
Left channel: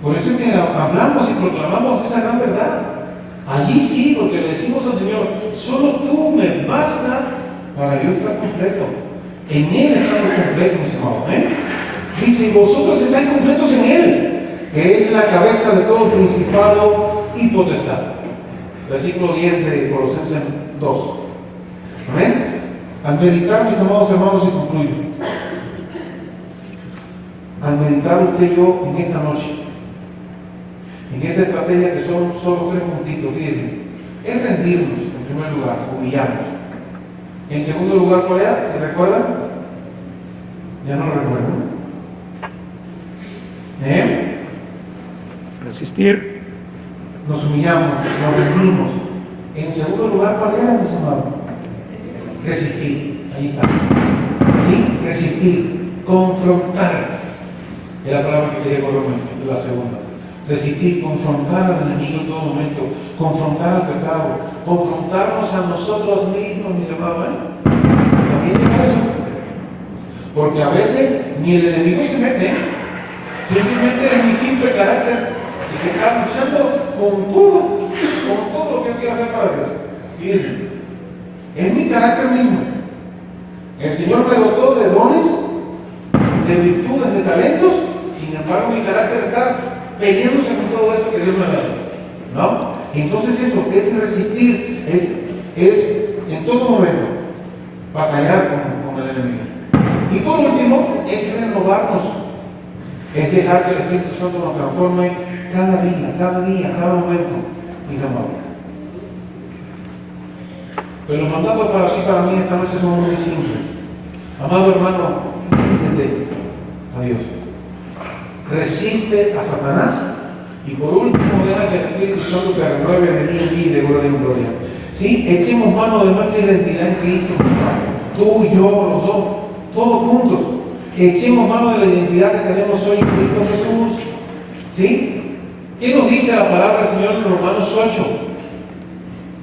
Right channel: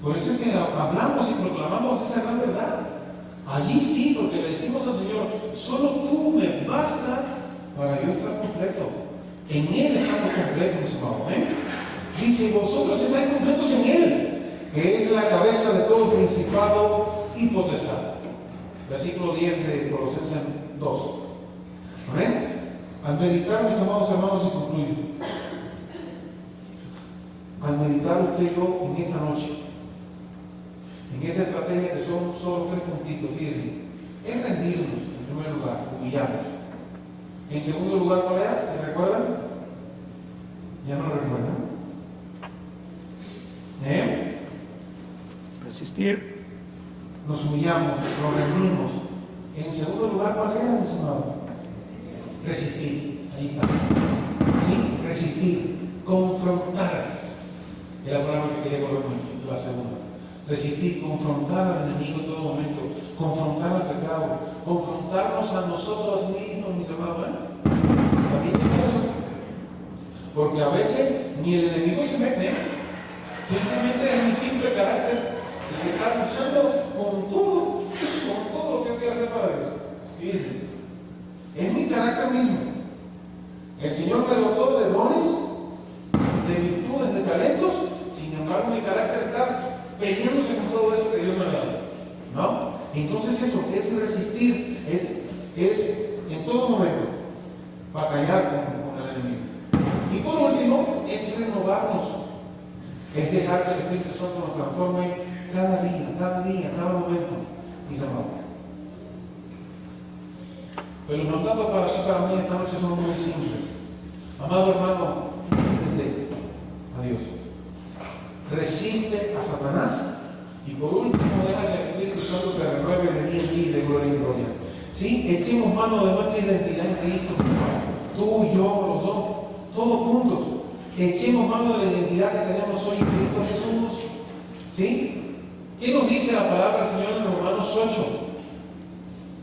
Por eso es que hablamos y proclamamos esa gran verdad. Allí sí, porque le decimos al Señor: solo tú me basta para yo estar completo. En Él estamos completos, mis amados. Dice: vosotros estáis completos en Él, que es la cabeza de todo principado y potestad. Versículo 10 de Colosenses 2. Amén. Al meditar, mis amados hermanos, y concluyo, al meditar usted y yo en esta noche, en esta estrategia que son solo 3 puntitos, fíjense, es rendirnos en primer lugar, humillarnos. En segundo lugar, ¿cuál era? ¿Se recuerdan? Ya no lo recuerdo. Resistir. Nos humillamos, nos rendimos. En segundo lugar, ¿cuál era, mis amados? Resistir. Ahí está. ¿Sí? Resistir. Confrontar. Es la palabra que quería colocar, la segunda. Resistir, confrontar al enemigo en todo momento, confrontar al pecado, confrontarnos a nosotros mismos, mis amados. También es eso. Porque a veces ni el enemigo se mete, simplemente es mi simple carácter el que está luchando con todo lo que él quiere hacer para Dios. Fíjense, es mi carácter mismo. El Señor me dotó de dones, de virtudes, de talentos, sin embargo mi carácter está peleándose con todo eso que Dios me ha dado, ¿no? Y entonces eso es resistir, es en todo momento batallar con el enemigo. Y por último, es renovarnos, es dejar que el Espíritu Santo nos transforme cada día, cada momento, mis amados. Pero los mandatos para ti, para mí, esta noche son muy simples. Amado hermano, entiende a Dios. Resiste a Satanás y por último deja que el Espíritu Santo te renueve de día en día y de gloria en gloria. ¿Sí? Echemos mano de nuestra identidad en Cristo, tú y yo, los dos, todos juntos. Echemos mano de la identidad que tenemos hoy en Cristo Jesús. ¿Sí? ¿Qué nos dice la palabra del Señor en Romanos 8,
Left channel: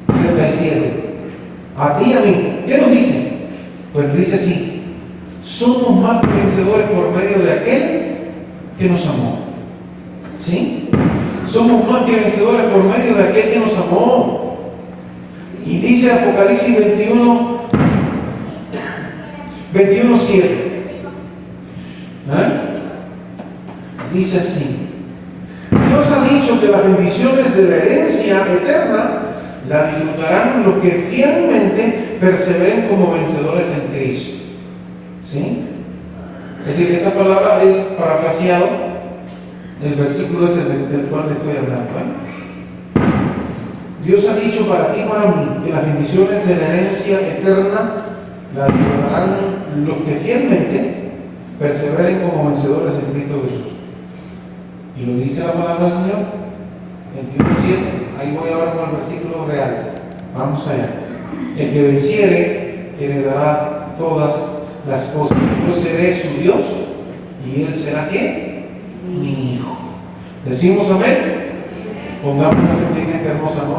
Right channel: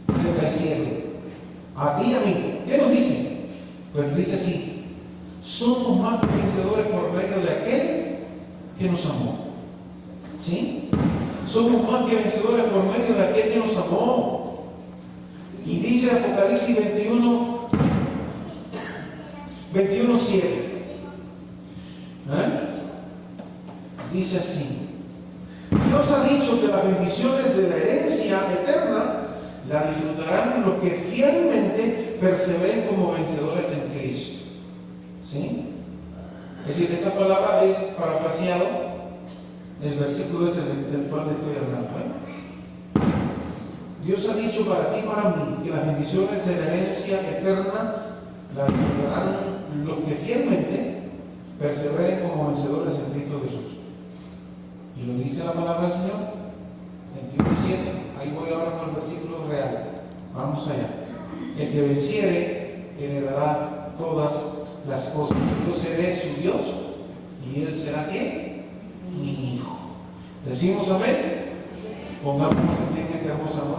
37? A ti y a mí. ¿Qué nos dice? Pues dice así: somos más que vencedores por medio de aquel que nos amó. ¿Sí? Somos más que vencedores por medio de aquel que nos amó. Y dice Apocalipsis 21:7. Dice así: Dios ha dicho que las bendiciones de la herencia eterna la disfrutarán los que fielmente perseveren como vencedores en Cristo. ¿Sí? Es decir, que esta palabra es parafraseado del versículo ese del cual le estoy hablando. Dios ha dicho para ti y para mí que las bendiciones de la herencia eterna la disfrutarán los que fielmente perseveren como vencedores en Cristo Jesús. Y lo dice la palabra del Señor, 21:7. Ahí voy ahora con el versículo real. Vamos allá. El que venciere heredará todas las cosas. Yo seré su Dios y él será ¿qué? Mi hijo. ¿Decimos amén? Pongámonos en esta hermosa noche.